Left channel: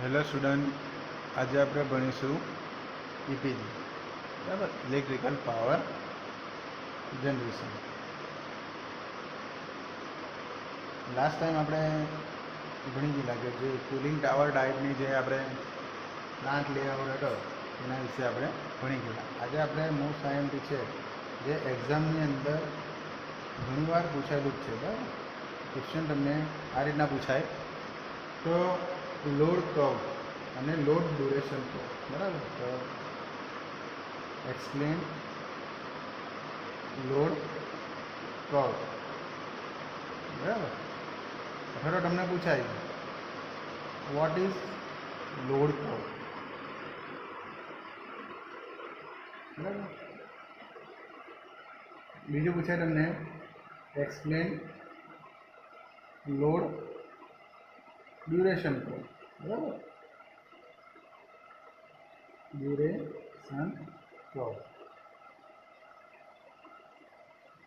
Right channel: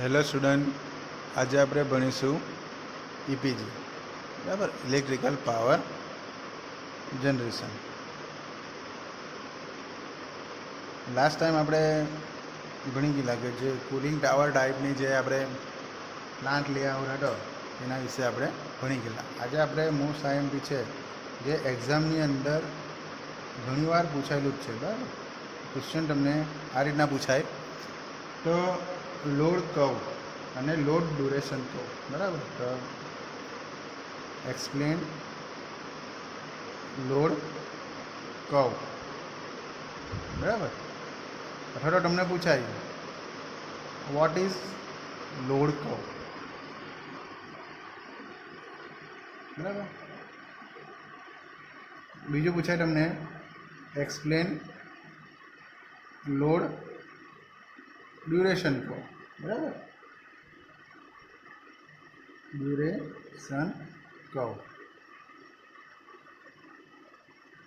Hello student, આજે આપણે ભણીશું ઈપીજી, બરાબર, electrical power generation. Last time આપણે ભણી ગયેલા કે જે કુલિંગ ટાવર ટાઈપની જે આપણે પ્લાન્ટ લેઆઉટ હતો એના વિશે આપણે ભણી ગયેલા. આજે આપણે મોસ્ટ આઈએમપી છે જે એક્ઝામની અંદર ઘણીવાર પૂછાયેલું જ છે, બરાબર. ક્વેશ્ચન તમને આ રીતના પૂછાય તો લોડ કર્વ અને લોડ ડ્યુરેશન કર્વ, બરાબર. તો એક્સપ્લેન લોડ કર્વ, બરાબર. અથવા તો તમને પૂછાય વોટ ઇઝ લોડ કર્વ, બરાબર. બીજું પૂછાય તમને એક્સપ્લેન લોડ ડ્યુરેશન કર્વ, બરાબર. Duration curve.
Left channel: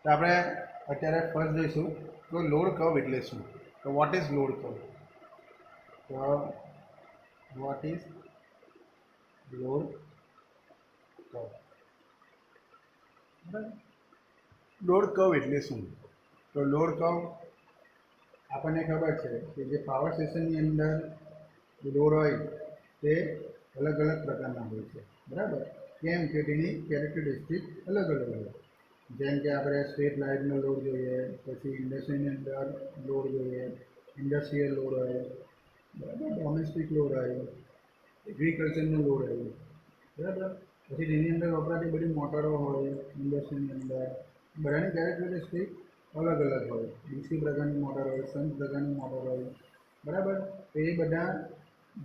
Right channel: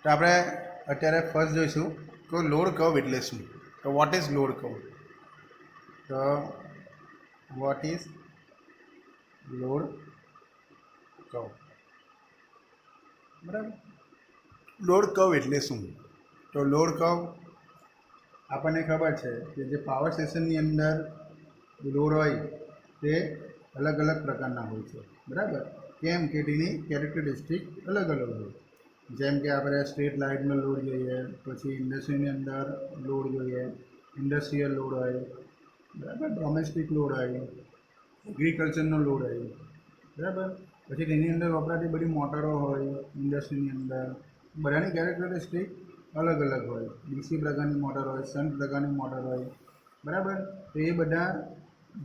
તો આપણે અત્યારે ફર્સ્ટ જોઈશું તો લોડ કર્વ એટલે શું. તો વોટ ઇઝ લોડ કર્વ? તો વોટ ઇઝ લોડ કર્વ, બરાબર. લોડ કર્વ એટલે શું? તો લોડ કર્વ આપણને ખબર છે કે જે પાવર સ્ટેશનની અંદર લોડ હોય તે અલગ અલગ પ્રકારના હોય છે, બરાબર. કેમ કે તેની કેરેક્ટરિસ્ટિક અલગ અલગ હોય. જેમ કે આપણે સ્ટ્રીટ લાઇટનો લોડ જોઈએ, પછી ઇન્ડસ્ટ્રીની અંદર લોડ જોઈએ, ઇન્ડસ્ટ્રીયલ લોડ હોય, બરાબર, ડોમેસ્ટિક લોડ હોય, એગ્રીકલ્ચરનો લોડ હોય, બરાબર. પછી તેની અંદર વપરાતી બધી મોટરો હોય ઇન્ડસ્ટ્રીની અંદર, બધાની કેરેક્ટરિસ્ટિક અલગ અલગ હોય. ડીસી પ્રકારની મોટર હોય, શન્ટ પ્રકારની મોટર હોય, બરાબર. તો એ બધા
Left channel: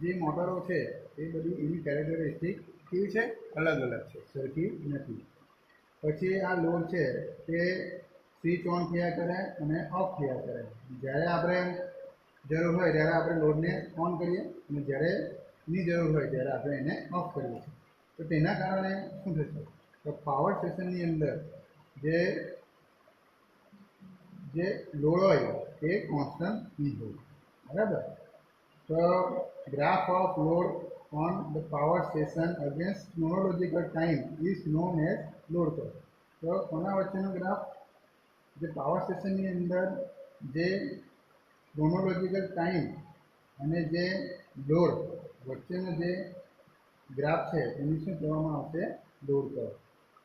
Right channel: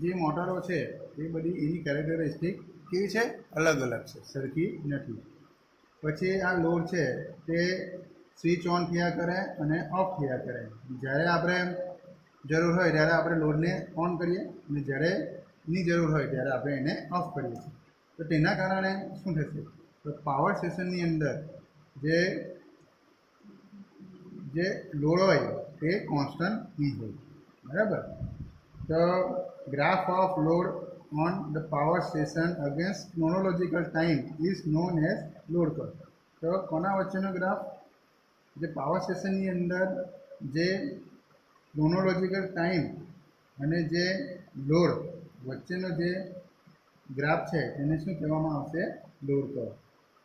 જે મોટરો છે એ બધી એની કેરેક્ટરિસ્ટિક કેવી છે? અલગ અલગ છે, સરખી નથી. પછી આ લોડ છે તે સ્વિચ ઓન થયા કરે અને ઓફ થયા કરે. જ્યારે આપણે જરૂર હોય ત્યારે આપણે લોડને ઓન કરીએ અને જ્યારે ની જરૂર હોય ત્યારે આપણે એને ઓફ કરીએ છીએ. તો તેના કારણે શું થશે? તો પાવર સ્ટેશનની અંદર જે લોડ હોય તે કોન્સ્ટન્ટ નહીં હોય, બરાબર. તો graph off load on the power station against chronological time is known as load curve. તો કોના વચ્ચેનો ગ્રાફ? જે પાવર સ્ટેશનની અંદર જે ક્રોનોલોજીકલ ટાઈમ અને જે લોડ વચ્ચેનો જે ગ્રાફ છે એને શું કહેવામાં આવશે? Load curve.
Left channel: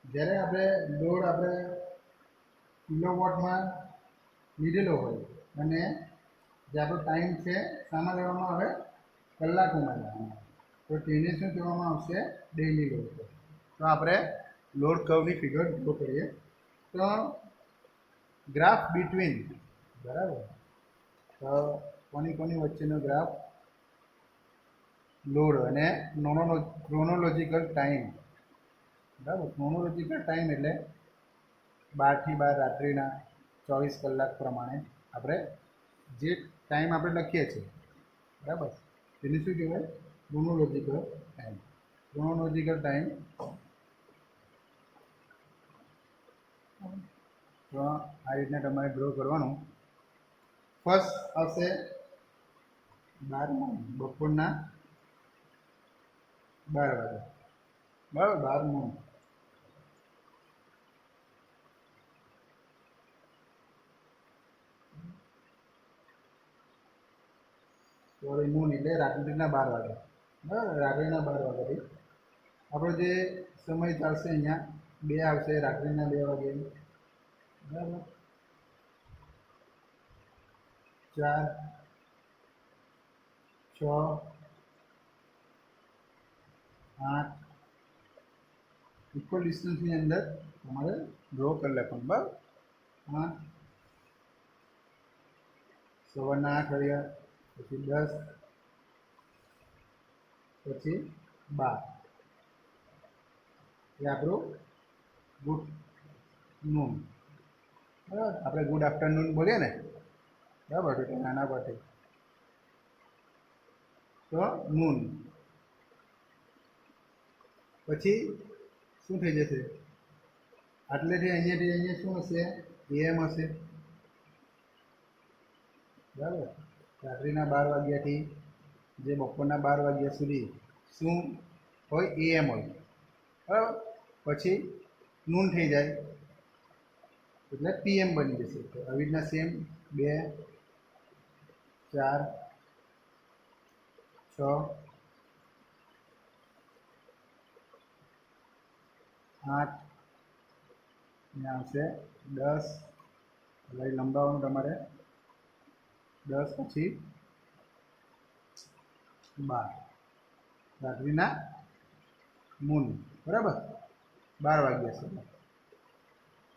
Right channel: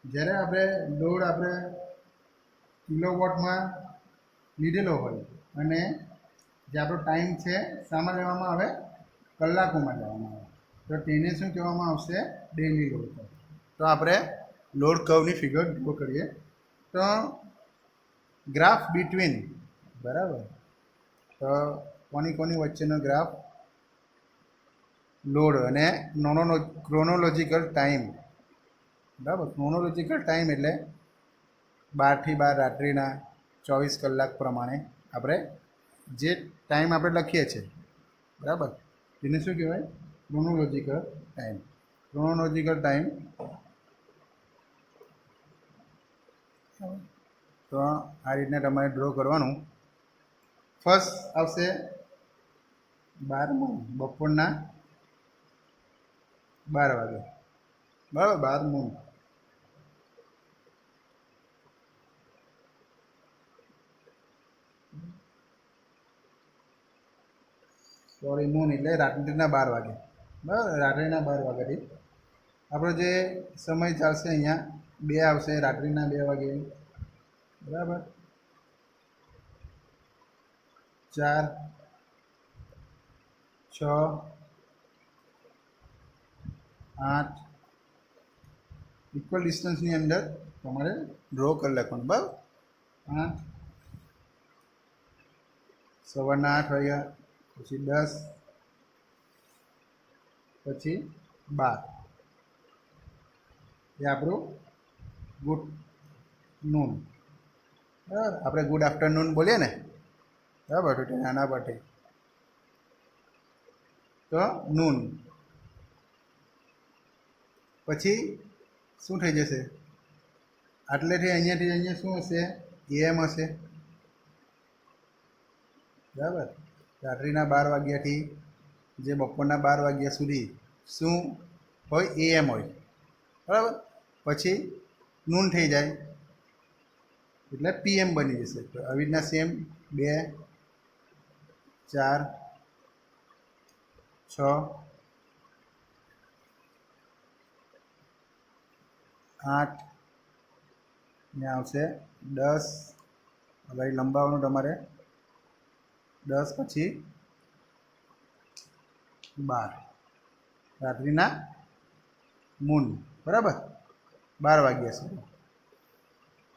જ્યારે આપણે કિલોવોટમાં લીધેલો હોય અને જે આપણો ટાઈમ છે શામાં લેવામાં આવે? કલાકોમાં લેવામાં આવે. તો તેને શું કહેવામાં આવશે? Daily load curve. તો આપણે લોડ કર્વની ફિગર ડ્રો કરીએ. તો ગ્રાફ બિટવીન, બરાબર. તો કોની વચ્ચેનો ગ્રાફ? લોડ અને ક્રોનોલોજીકલ ટાઈમ, બરાબર. ક્રોનોલોજીકલ ટાઈમ એટલે 12 થી 12 રાત્રિના 24 કલાક પ્રમાણે આપણે જે ટાઈમ આપણે લખીએ છીએ, બરાબર, તેને શું કહેવાય? Chronological time. Chronological time. તો આ રીતના તમારે ડ્રો કરવાનું. ફર્સ્ટ આવશે 12 બપોરના 12 વાગે, બરાબર. 12 મૂન. સોરી, મૂન એટલે રાત્રિના 12 વાગે, બરાબર. રાત્રિના 12 વાગ્યાથી આપણો જે સમય ચાલશે અહીંયા 2 આવશે, રાત્રિના 2 વાગે, બરાબર. 4, 6, 8 ઇક્વલ ડિસ્ટન્સની અંદર તમારે ડ્રો કરી લખવાનું, બરાબર. 8, સવારના 8 વાગ્યા, પછી 10, પછી 12. એ આપણું ગુડ નૂન, બરાબર. આપણે ગુડ આફ્ટરનૂન બોલીએ ને, બરાબર. તો નાના પરથી તો નૂન. પછી શું થઈ જશે? આટલેથી અહીંયા શું હશે? એમ હશે, બરાબર. રાત્રિના 12 વાગ્યાથી જે બપોરના 12 વાગ્યા સુધી શું હોય? AM હોય, બરાબર. પછી નૂન થઈ જાય એટલે PM બની જશે. તો આવી રીતના સેમ 2, 4, 6, 8 ને આવશે 10. હવે લંબાવવાનું તમારે 10 પછી 12 રાત્રિના મૂન, બરાબર, 12 વાગ્યા સુધી.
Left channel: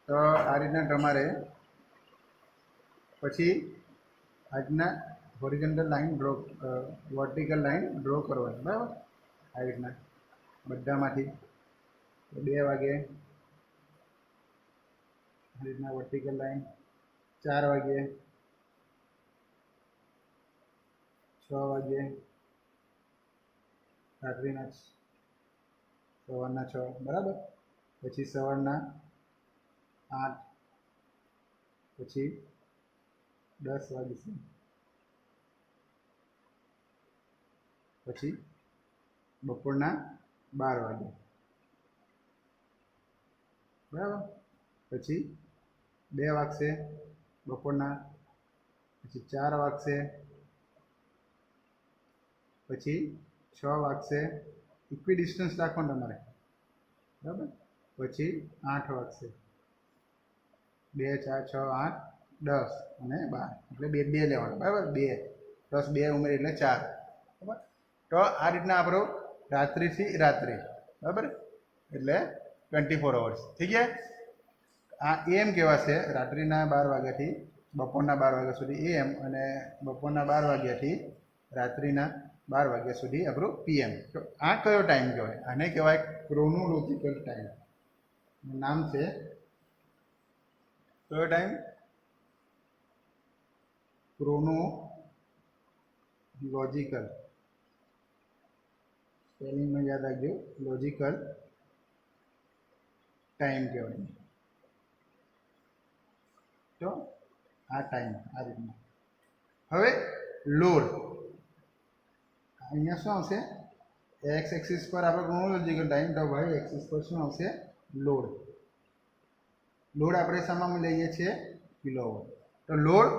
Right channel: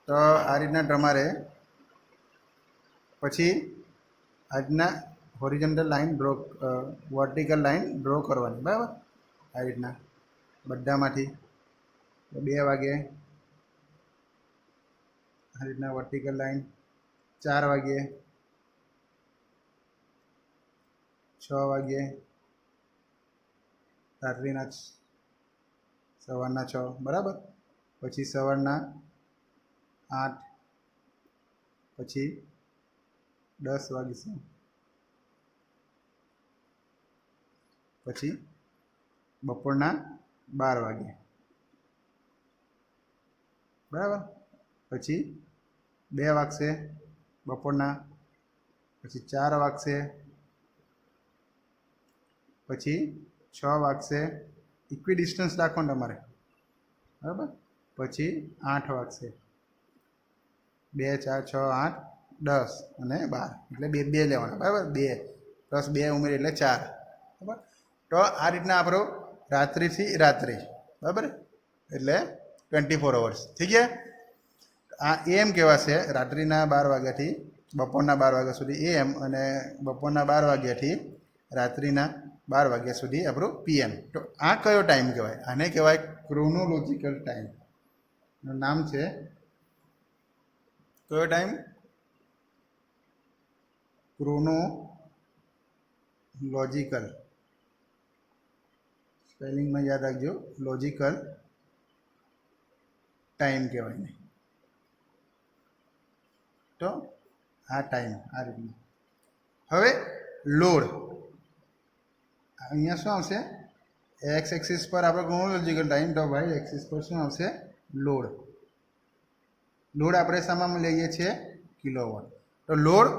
તો આ રીતના તમારે પછી આજના horizontal line draw, vertical line draw કરવાની, બરાબર. આ રીતના બધામાંથી 2 વાગે આ રીતના વર્ટિકલ લાઈન, 4 વાગે, 6 વાગે, રાત્રિના સવારના 6, બરાબર. પછી સવારના 8, પછી 10 વાગે, પછી બપોરના 12 વાગે, બરાબર. પછી 2 વાગશે બપોરના, પછી 4 વાગશે, પછી 6 વાગશે. ઇક્વિ ડિસ્ટન્સ રાખવાનું તમારે, બરાબર. પછી 8 વાગશે, 2, 4, 6, 8, 10 અને 12 એટલે 2 2 લેવાના, બરાબર. 2 પ્લસ 2 ઉમેરી એટલે 4, બરાબર. તો આ રીતના આપણો રાત્રિથી રાત્રિ, બરાબર, એટલે 24 અવર્સ થઈ ગયા. આ AM કહેવાશે રાત્રિના 12 વાગ્યાથી બપોરના 12 વાગ્યા સુધી AM, અને બપોરના 12 વાગ્યાથી રાત્રિના 12 વાગ્યા સુધી આપણું PM. તો આ કયો ટાઈમ કહેવાય? આને કહેવાય ક્રોનોલોજીકલ ટાઈમ. એનું નામ છે કયો ટાઈમ? ક્રોનોલોજીકલ. સ્પેલિંગમાં યાદ રાખજો, લોજિકલ ટાઈમ કહેવાય ને. તો આ ટાઈમ આ રીતના. હવે લોડ, અહીંયા શું આવશે? એક્સ એક્સિસ પર આપણો ક્રોનોલોજીકલ ટાઈમ, તો વાય એક્સિસ પર શું આવશે? લોડ. લોડ આપણે શામાં લઈએ છીએ? કિલોવોટ. તો લોડ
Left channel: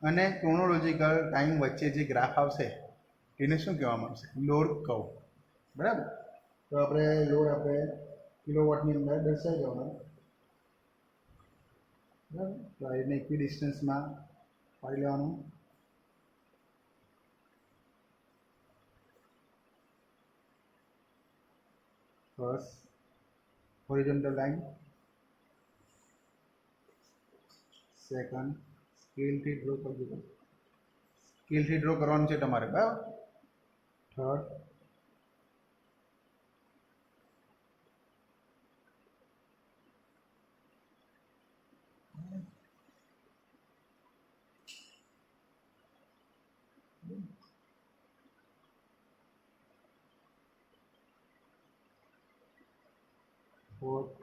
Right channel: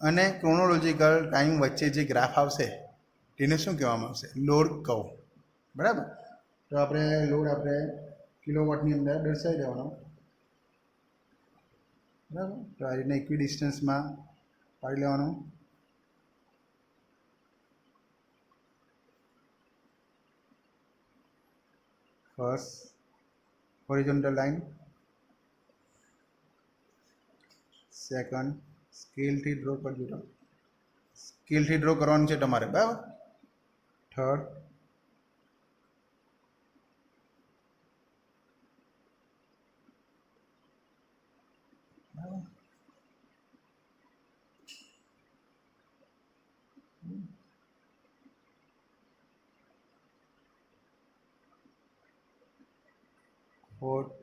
અને ક્રોનોલોજીકલ ટાઈમ વચ્ચે જે ગ્રાફ આવશે તેને શું કહેવામાં આવશે? લોડ કર્વ, બરાબર. તો આપણે લોડ આપણે કિલોવોટની અંદર દર્શાવી દેવાનો, બરાબર. તો આ રીતના ઇક્વિ ડિસ્ટન્સમાં પાડી લેવાનું. ફર્સ્ટ હોરિઝોન્ટલ લાઈન, સેકન્ડ સ્કેલથી ડ્રો કરજો, તો સ્કેલથી ડ્રો કરવાનું છે તમારે, બરાબર. થર્ડ, ફોર્થ,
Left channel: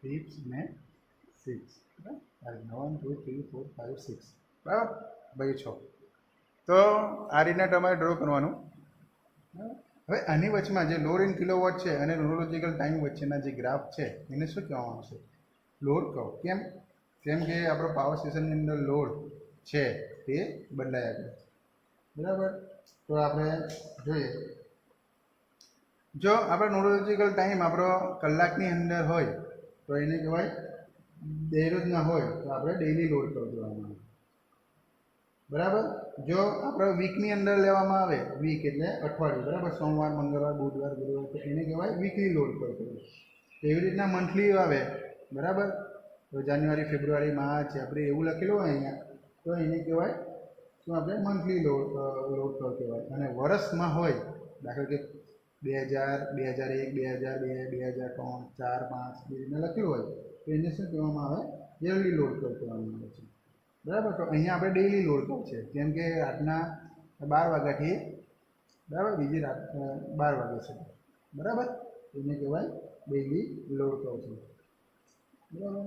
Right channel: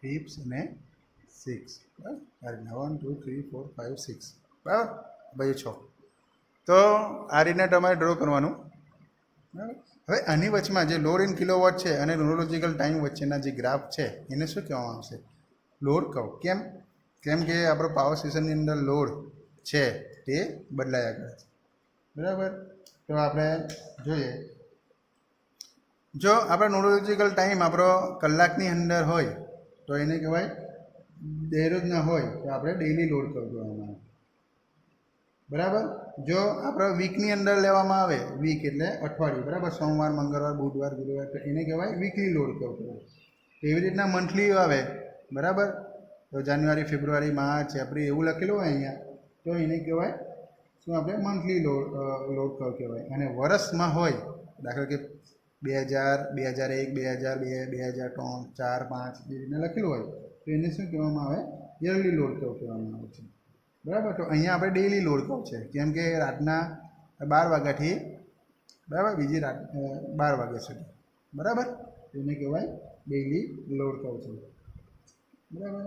ફિફ્થ અને સિક્સ, બરાબર. 1, 2, 3, 4, 5, 6, બરાબર. ભાઈ 6. તો આ રીતના તમારે ડ્રો કરવાનું, બરાબર. હવે આની વચમાં જે લોડ ઇન કિલોવોટ છે અને ક્રોનોલોજીકલ ટાઈમ વચ્ચેના જે ગ્રાફ છે એને શું કહેવામાં આવશે? Load curve. કેમ? કેમ કે આપણો પાવર સ્ટેશનની અંદર લોડ છે તે બદલાયા કરે છે, બરાબર. તો આપણે જોઈએ, જો આપણો ક્રોનોલોજીકલ ટાઈમ આપણો કલાકની અંદર હોય તો એને કહેવાય દરરોજના હોય તો આપણે ડેઈલી લોડ કર્વ કરવામાં આવે, બરાબર. જો આપણો વીકની અંદર લેવામાં આવે, વીક એટલે અઠવાડિયું, બરાબર, સોમવાર, મંગળવાર, બુધવાર, ગુરુવાર, તો એને કહેવાય વીકલી લોડ કર્વ કહેવાય. એવી રીતના મંથલી આવે, બરાબર. તો જાન્યુઆરી, ફેબ્રુઆરી, માર્ચ, એપ્રિલ એવું લખેલું હોય અહીંયા, તો એને કહેવાય શું? આપણે મંથલી લોડ કર્વ કહેવાય. અને વર્ષમાં હોય, દાખલા કે 2000, 2001, 2002, 2003, 4, 5 એ રીતના લખેલું હોય તો એને શું કહેવામાં આવે? યરલી લોડ કર્વ કહેવામાં આવે છે, બરાબર. તો અહીંયા આપણે ડેઈલી લોડ કર્વ છે, કેમ કે રાતના 12 વાગ્યાથી, બરાબર, બીજી રાત 12 વાગ્યા સુધી, બરાબર. એને કહેવાય ડેઇલી લોડ કર્વ છે, બરાબર.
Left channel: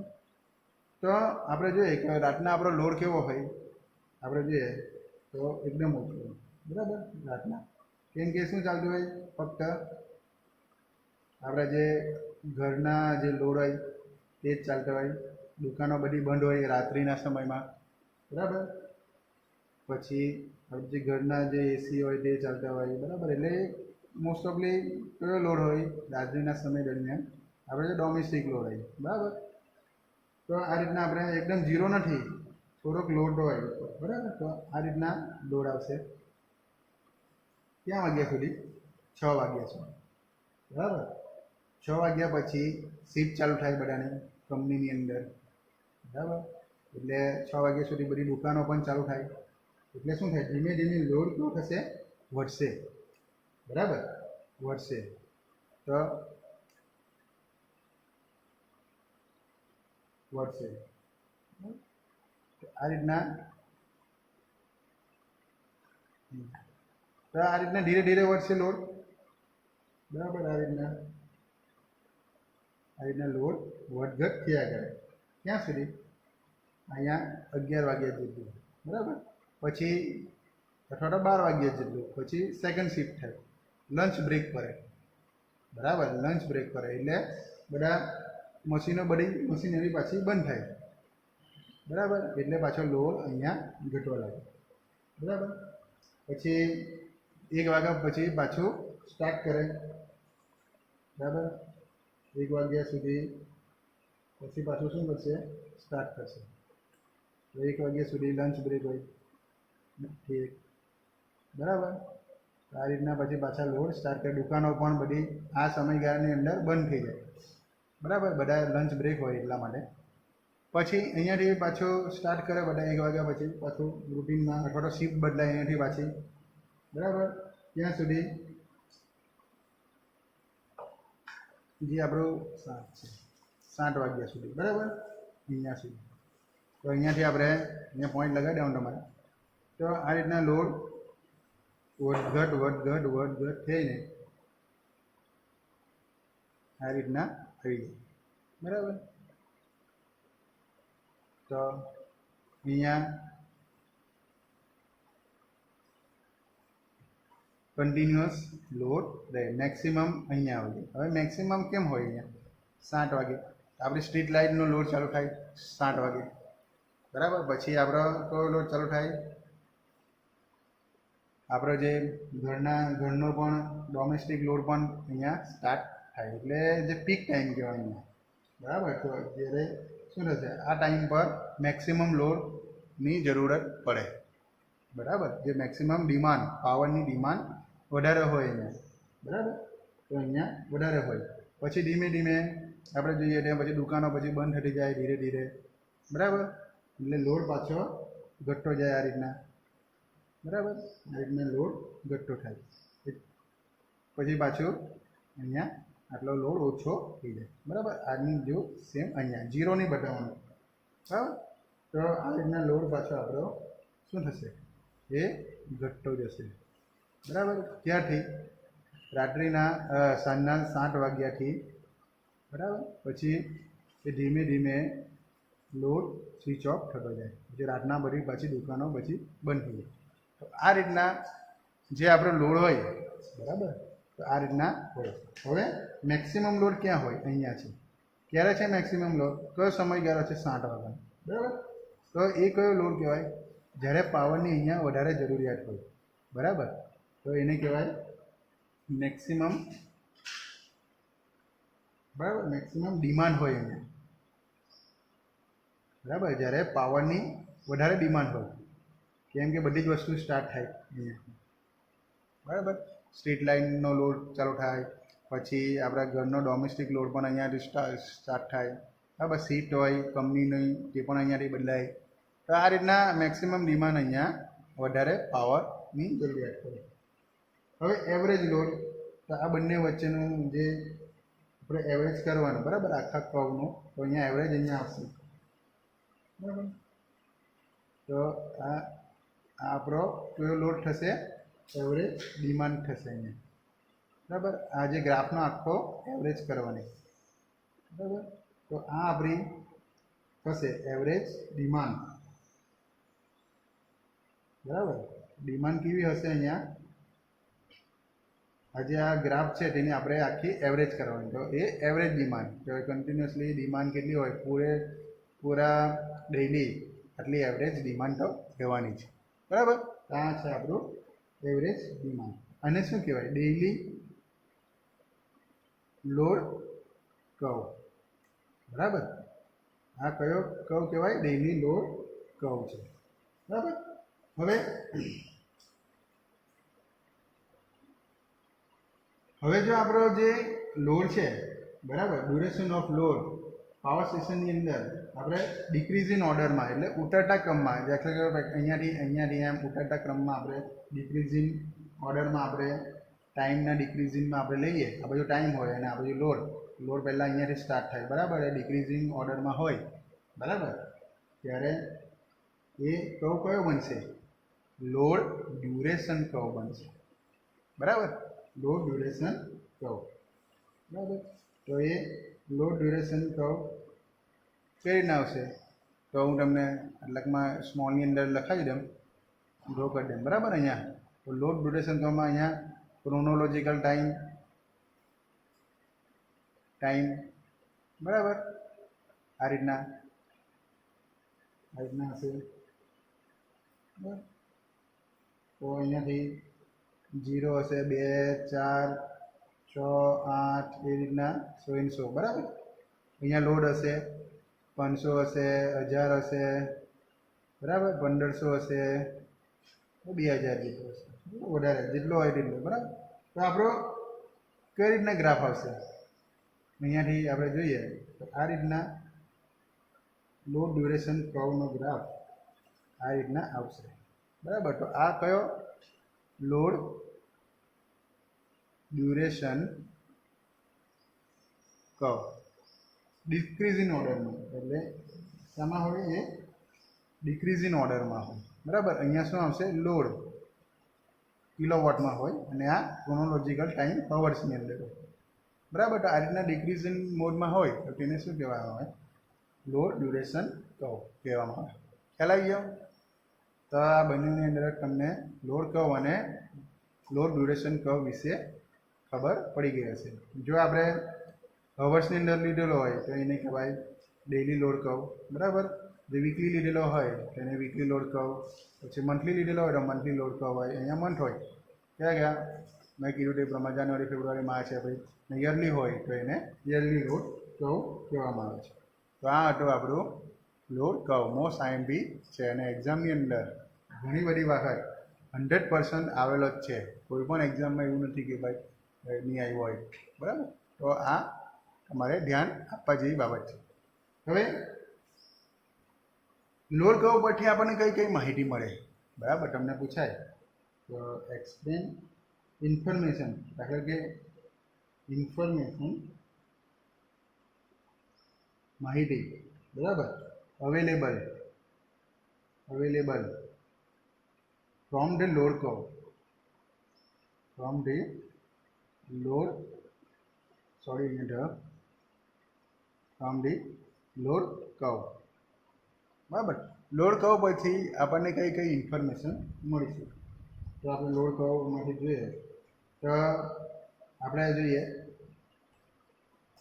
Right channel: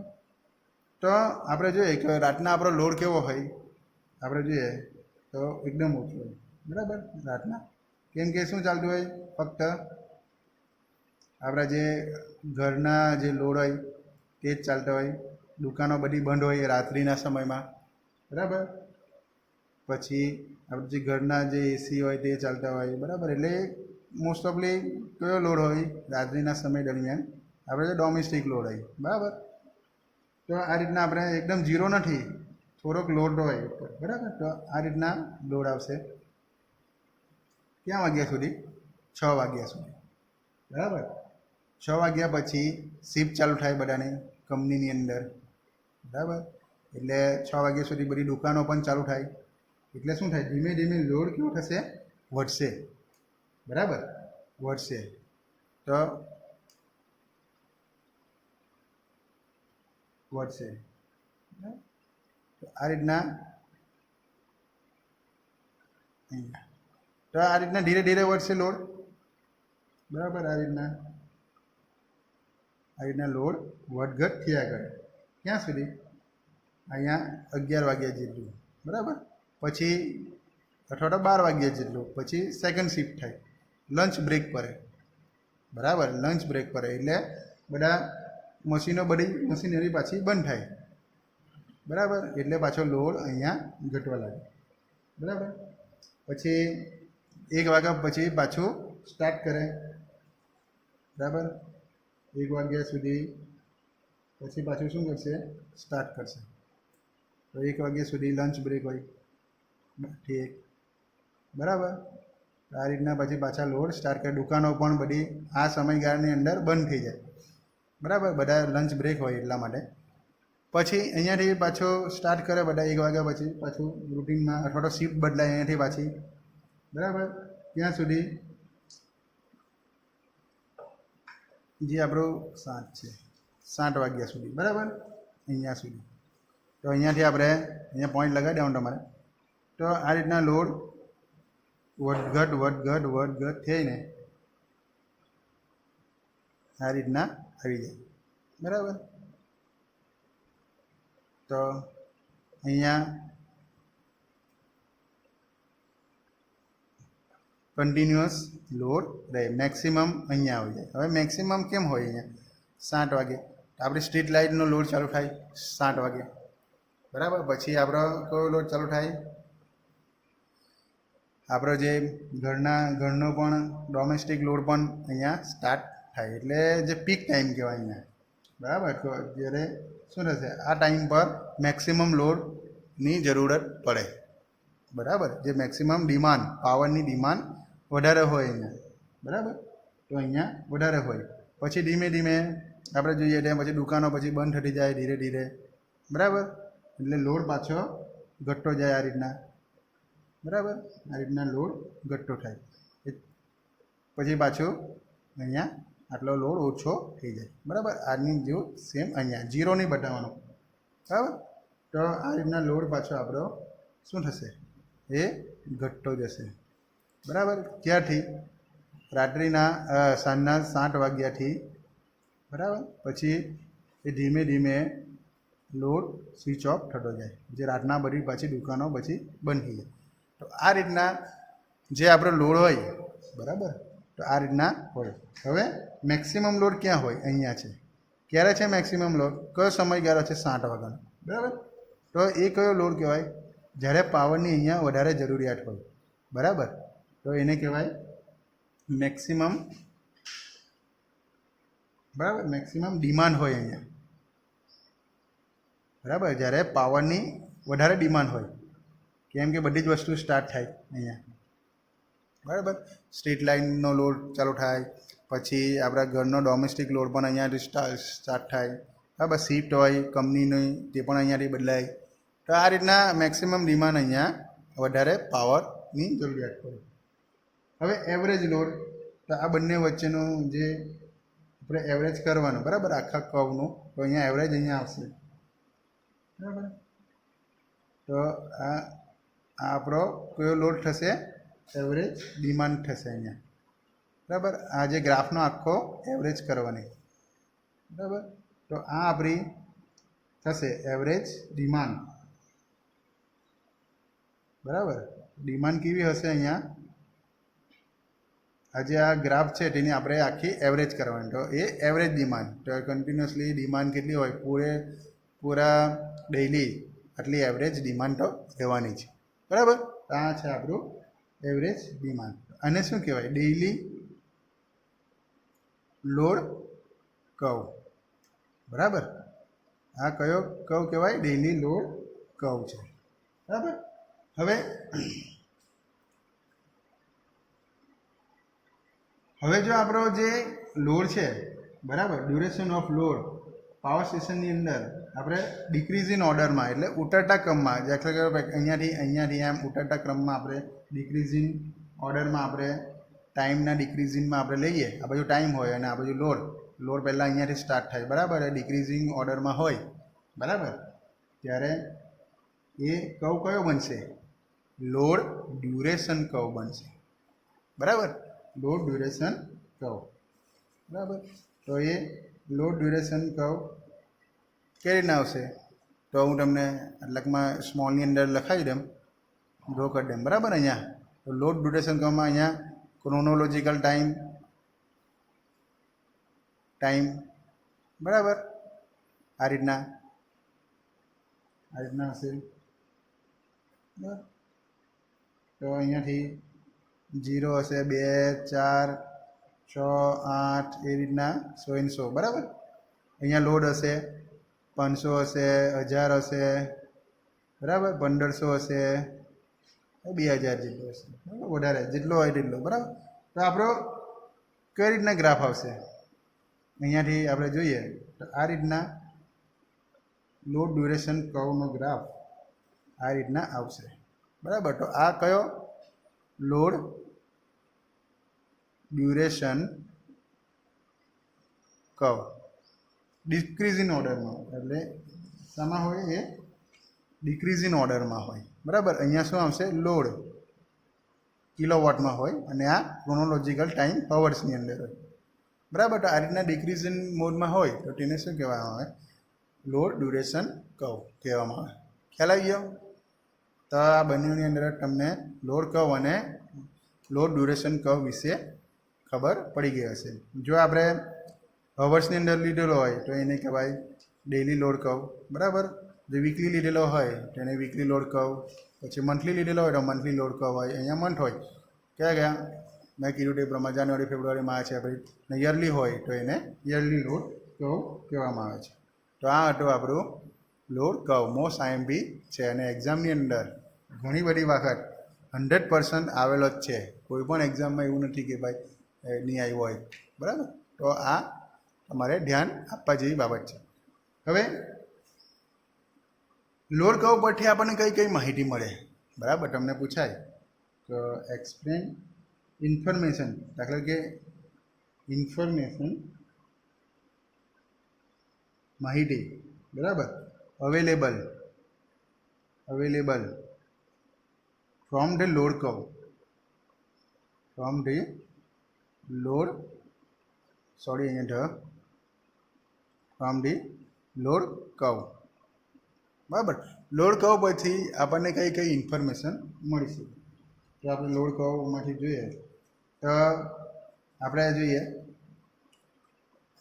તો આપણે જોઈએ કે રાતના આપણો લોડ કેવો હોય, આપણે જોઈએ તો એકદમ ઓછો, બરાબર. રાતના કેમ કે શું ચાલતું હોય, ફક્ત આપણા જે ઘરના જે લોડ હોય તે જ ચાલતા હોય, દુકાનો બધી બંધ હોય રાત્રિના સમયમાં, બરાબર. પછી આપણે જે ઘરના જે એસી હોય તે ચાલતા હોય, બરાબર. એટલે મોસ્ટ ઓફલી કયો લોડ હોય રાત્રિના સમય દરમિયાન, આપણે જે ડોમેસ્ટિક લોડ હોય, બરાબર. તો આ રીતના આપણે એકદમ ઝીરો નથી, થોડોક લોડ હોય, બરાબર. તો આ રીતના લોડ આવશે ક્યાં વાગ્યા સુધી, 6 વાગ્યા સુધી, બરાબર. 6 વાગ્યા પછી શિફ્ટ ચાલુ થાય બધાની કંપનીની અંદર, બરાબર. એટલે 6 વાગ્યા સુધી બધી દુકાનો પણ ચાલુ થાય, એટલે શું થાય, ધીમે ધીમે લોડ કેવો થશે, વધશે, બરાબર, વધશે. તો વધશે, આ રીતના તો આ રીતના ધીરે ધીરે વધશે લોડ, બરાબર. આ રીતના લોડ વધઘટ થયા કરે, ક્યાં સુધી, અહીંયા 11 વાગ્યા જેટલું, બરાબર. પછી અથવા તો 12 વાગ્યા જેટલું, પછી સેકન્ડ શિફ્ટ થાય, લંચ બ્રેક પડે, બરાબર. લંચ બ્રેક પડે એટલે બધા મશીનો, બધી મશીનરી પાછી બંધ થાય, બરાબર. એટલે પાછો લોડ અહીંયા ઘટવા લાગે, બરાબર. પછી 1 વાગ્યા પછી પાછું સ્ટાર્ટ કરે, બરાબર. 1 વાગ્યા સુધી પછી પાછું શું કરશે, સ્ટાર્ટ કરશે. તો 1 વાગ્યા સુધી લંચ બ્રેક હોય, ઠીક, બરાબર. આ રીતના પછી પાછા લોડ સ્ટાર્ટ કરે, દુકાનો પણ બધી આ સમયગાળાની અંદર બંધ થઈ જાય, બરાબર. બધા લંચ બ્રેક હોય એટલા માટે. પછી અહીંયાથી પાછો સ્ટાર્ટ કરે બધા 1 વાગ્યા પછી, પાછું રૂટીનમાં અથવા તો શિફ્ટ બદલાય અહીંયાથી પાછી, બરાબર. ત્યાં સુધી જે આપણું 7 છે, 7 વાગ્યા સુધી, બરાબર, અહીંયા સુધી. તો અહીંયાથી આપણે અહીંયા પોઈન્ટ લગાવી દેવાનું તમારે. તો આ રીતના લોડ વધઘટ થઈને આ રીતના આવી જાય, બરાબર. તો અહીંયા કન્ટિન્યુઅસ લોડ રહે, મેક્સિમમ અહીંયા આવી જાય. હવે મેક્સિમમ કેમ હોય, અહીંયા 7 વાગે આપણી સ્ટ્રીટ લાઇટનો લોડ ચાલુ થાય 7 વાગે, બરાબર. પછી આપણો કયો લોડ ચાલુ થાય, આપણો જે ઘરનો પણ ડોમેસ્ટિક લોડ પણ અહીંયા સ્ટાર્ટ થાય, એટલે જે પીક ટાઈમ કહેવાય અહીંયા, બરાબર. તો જ્યારે શું થશે, આ ટાઈમ પર મેક્સિમમ લોડની જરૂરત પડે, બરાબર. જે મેક્સિમમ ડિમાન્ડ, પાવરની ડિમાન્ડ વધારે હોય અહીંયા, બરાબર. તો અહીંયા વધારે હોય. પછી ધીમે ધીમે આપણે જોઈએ ત્યાં પછી દુકાનો પછી બંધ થતી જાય ધીરે ધીરે, બરાબર. એટલે લોડ પાછો ઘટતો જાય આ રીતના, બરાબર. આ રીતના લોડ ઘટતો થાય, પછી પાછું અહીંયા આટલો લોડ ઓછો થઈ જાય, બરાબર. આની જેવું સેમ અહીંયા ઝીરો નહીં બતાવવાનું, બરાબર. તો આ રીતના લોડ પાછો આપણો શું થશે, એ ઘટતો જશે, બરાબર. ક્યારથી, રાત્રિના સાંજના 7 વાગ્યાથી, બરાબર. પછી એ ધીમે ધીમે લોડ સ્વિચ ઓફ થતો જાય, જે રાતના બધી પાછી દુકાનો પછી બંધ થઈ જાય. તો આ રીતના જે આપણો લોડ હોય, બરાબર. તો આ રીતના હોય. હવે મેક્સિમમ લોડ ક્યાં હોય, અહીંયા છે. ક્યારે છે મેક્સિમમ લોડ, કયો સમયગાળો છે, 7 વાગ્યાનો, બરાબર. તો એ કયો લોડ કહેવાય, જ્યારે પાવરની અહીંયા વધારે જરૂરિયાત હોય, બરાબર. તો એને કહેવાય મેક્સિમમ, બરાબર. મેક્સિમમ ડિમાન્ડ હોય અહીંયા, બરાબર. જ્યારે પાવરની વધારે ડિમાન્ડ હોય, કેમ કે બધી જ વસ્તુ સ્ટાર્ટ થાય અહીંયા, બરાબર. સ્ટ્રીટ લાઇનનો લોડ ચાલુ થાય, પછી આપણા ઘરનો ડોમેસ્ટિક લોડ પણ અહીંયાથી સ્ટાર્ટ થાય, બરાબર. શિફ્ટ હોય કંપનીની તે પણ અહીંયાથી બદલાય. તો આ રીતના મેક્સિમમ ડિમાન્ડ અહીંયા વધારે પાવરની જરૂરિયાત પડે. હવે એવરેજ લોડ, તો આ બંને વચ્ચેનું જે આપણે એવરેજ કરવાનું, બરાબર, આખા કર્વનું. તો અહીંયા એવરેજ અહીંયા આવશે, બરાબર. તો આ આપણો કયો લોડ થશે, એવરેજ ડિમાન્ડ થશે અહીંયા, બરાબર. આ જે ગ્રાફનો આખો એવરેજ કરવાની, બરાબર. તો આ આપણી થશે એવરેજ ડિમાન્ડ. બરાબર. ડિમાન્ડ કેવી હશે અહીંયા? આજે આ ગ્રાફ છે તેની આપણે આખી એવરેજ કરવાની. તો એ એવરેજ ડિમાન્ડ, તો કન્ટિન્યુઅસલી ડિમાન્ડ કેટલી હોય પૂરા ડેઇલી આટલી એવરેજ ડિમાન્ડ તો રહેવાની છે. બરાબર. આ છે આપણું એવરેજ ડિમાન્ડ. આને શું કહેવાય? Daily load curve. બરાબર. આ કયો કર્વ કહેવાય? ડેઇલી લોડ કર્વ છે. બરાબર. હવે જો આપણો જે લોડ છે, બરાબર, ડ્યુરેશન ઓફ લોડ પાવર સ્ટેશનની અંદર આપણે ડિક્રીઝ ઇન ઓર્ડરમાં એટલે ઉતરતા ક્રમમાં, દાખલા કે અહીંયાથી એમ ઉતરતા ક્રમમાં આપણે ડિક્રીઝ ઇન ઓર્ડરમાં આપણે ટાઈમના ડિક્રીઝ ઇનમાં આપણે લઈએ. આ બાજુ ટાઈમ હોય અને આ બાજુ લોડ પહેલાં અહીંયાથી સ્ટાર્ટ થાય. બરાબર. એ ડિક્રીઝિંગ ઓર્ડરમાં હોય. બરાબર. ત્યારે એ કર્વ કયો બનશે? લોડ ડ્યુરેશન કર્વ બનશે. બરાબર. Load duration curve. બરાબર. તો એ લોડ ડ્યુરેશન કર્વ કઈ રીતના આવશે? તો હું તમને લગમાં સ્મોલની અંદર લખાવી દઉં, ડ્રો કરી દઉં. બરાબર. અહીંયા તો લોડ ડ્યુરેશન કર્વમાં અહીંયા ક્રોનોલોજીકલ ટાઈમ બરાબર આ રીતના હશે. બરાબર. તો અહીંયાથી 0 હશે, 2, 4, 6, 8 એ રીતના 100 બરાબર. અહીંયા લોડ હશે 500 હશે, 1000 હશે, બરાબર, 1500 હશે, 2000 જેટલો હશે. વધારે જેટલો હોય તેટલો. બરાબર. તો આપણો કઈ રીતના ગ્રાફ આવશે? અહીંયાથી આપણે જોઈએ તો આ રીતના લોડ ડ્યુરેશન કર્વનો ગ્રાફ આ રીતના આવશે. બરાબર. તો આ કયો? Load duration curve decrease in ઓર્ડરમાં, એટલે શામાં હોય? એ ડિક્રીઝ ઇન ઓર્ડરમાં હોય. બરાબર. અહીંયા શું આવશે? લોડ કિલોવોટમાં હોય અને આ ક્રોનોલોજીકલ ટાઈમ અવર્સની અંદર હોય. બરાબર. તો આ રીતના ડિક્રીઝ ઇન મોડમાં હોય તો તેને શું કહેવામાં આવે? લોડ ડ્યુરેશન કર્વ કહેવામાં આવે. ખ્યાલ આવી ગયો? તો આ બંનેની અંદર તમને લોડ કર્વ અને લોડ ડ્યુરેશન કર્વ વિશે ખબર પડી ગઈ હશે. જો આપણે અવર્સની અંદર લીધેલો હોય તો એને કહેવાય ડેઇલી લોડ કર્વ. બરાબર. જો વીકલી લીધેલો હોય તો એને વીકલી લોડ કર્વ. પછી મંથલી લીધેલો હોય તો મંથલી લોડ કર્વ હોય. અહીંયા મંથ હોય કયા મેં કીધું તે પ્રમાણે જાન્યુઆરી, ફેબ્રુઆરી, માર્ચ, એપ્રિલ. યરલી હોય તો એને યરલી લોડ કર્વ કહેવામાં આવે છે. તો આ હતું આપણું લોડ કર્વ. મોસ્ટ આઈએમપી છે અને એક્ઝામની અંદર ઘણી બધી વખત 100% આવેલો જ છે. કોઈ પણ એક્ઝામમાં એવું નથી કે ભાઈ નહીં આવ્યો હોય. બરાબર. તો આ તમારે ધ્યાન આપવા જેવી બાબત છે. હવે લોડ કર્વ પરથી આપણને કઈ કઈ માહિતી મળે? બરાબર. તમને પૂછાય તો એક્સપ્લેન ઇન્ફોર્મેશન. દાખલા કે ઇન્ફોર્મેશન માહિતી. બરાબર. Available from the load curve. From the load curve. બરાબર. લોડ કર્વ પરથી આપણને કઈ કઈ ઇન્ફોર્મેશન મળી શકે? તો આપણે લોડ કર્વમાંથી જોઈએ તો આપણે જોઈએ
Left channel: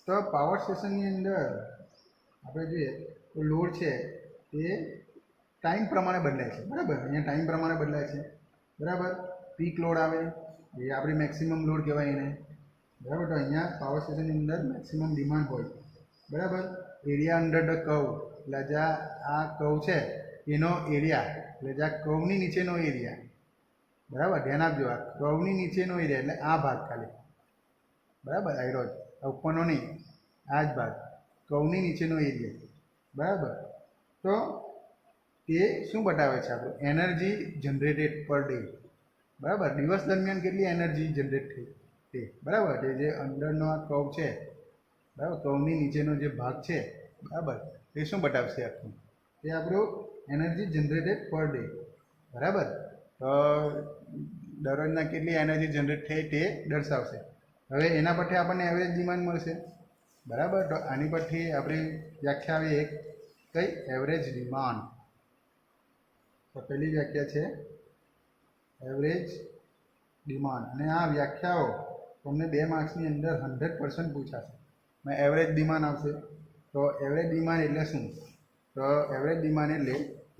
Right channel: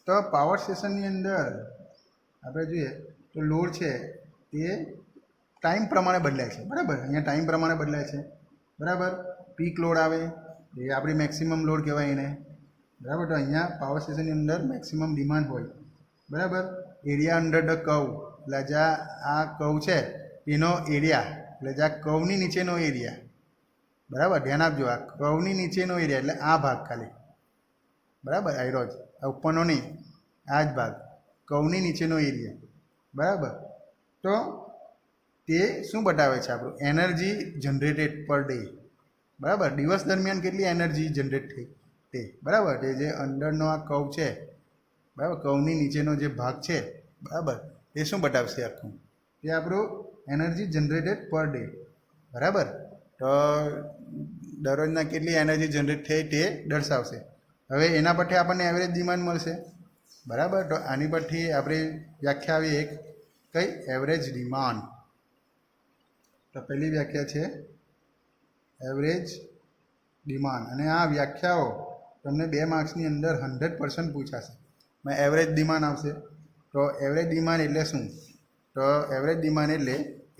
તો પાવર સ્ટેશનની અંદર આપણે જોઈએ તો લોડ છે તે ટાઈમ પ્રમાણે બદલાય છે. બરાબર. અહીંયા ટાઈમ પ્રમાણે બદલાય છે. બરાબર. પીક લોડ આવે એ આપણી મેક્સિમમ લોડ કહેવાય એને. બરાબર. તો અહીંયા પાવર સ્ટેશનની અંદર મેક્સિમમ ડિમાન્ડ હોય. બરાબર. એરિયા અંડર ધ કર્વ, એટલે જ્યાં આ કર્વ છે એનો એરિયા, એટલે જ્યાં કર્વની નીચેનો એરિયા. બરાબર. ધ્યાન આપજો. આ કર્વની નીચેનો એરિયા એટલે આ ભાગ ખાલી. બરાબર. આયરો જ, આ ઉપરનો નહીં, આ જ ભાગ કર્વની નીચેનો એરિયા. બરાબર. તો તે શું બતાવે છે? આપણું એનર્જી જનરેટેડ પર ડે. બરાબર. દિવસ દરમિયાન કેટલી એનર્જી જનરેટ થઈ તે. બરાબર. તે જે અંદરનો આ કર્વ છે, બરાબર, કર્વની નીચેનો જે ભાગ છે, બરાબર, તે શું બતાવશે? આખું તે આપણું એનર્જી જનરેટેડ પર ડે. બરાબર. તો દરરોજના કેટલી એનર્જી જનરેટ થઈ તે દર્શાવશે. હવે એના પરથી આપણને એવરેજ ડિમાન્ડ મળશે. બરાબર. તો આની પરથી આપણે વ્યાખ્યા આવી એક કઈ એવરેજ ડિમાન્ડ. તો પહેલી વ્યાખ્યા છે એવરેજ ડિમાન્ડ. અને આ વ્યાખ્યાઓ તમને 2 માર્ક્સની અંદર 100% પૂછાશે. એવરેજ ડિમાન્ડ આવશે. તો એવરેજ ડિમાન્ડ એટલે શું? તો એવરેજ ડિમાન્ડ એટલે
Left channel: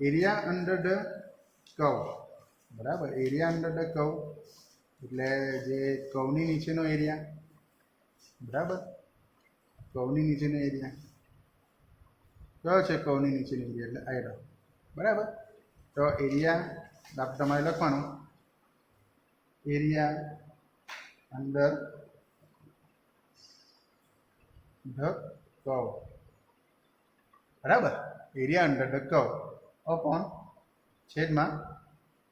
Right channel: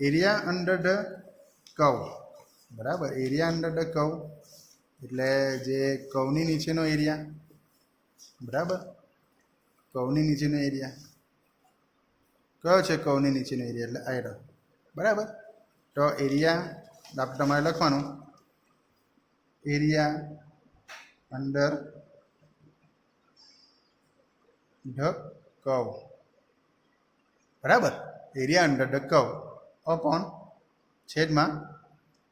એરિયા અંડર ધ કર્વ. બરાબર. એરિયા અંડર ધ કર્વ એટલે જે કર્વની નીચેનો એરિયા. બરાબર. કર્વની નીચેનો એરિયા કયો છે? કર્વની નીચેનો એરિયા એટલે આયરો. બરાબર. તો એરિયા તમારે લખવાનું એરિયા અંડર ધ કર્વ. બરાબર. Area under the curve upon છેદમાં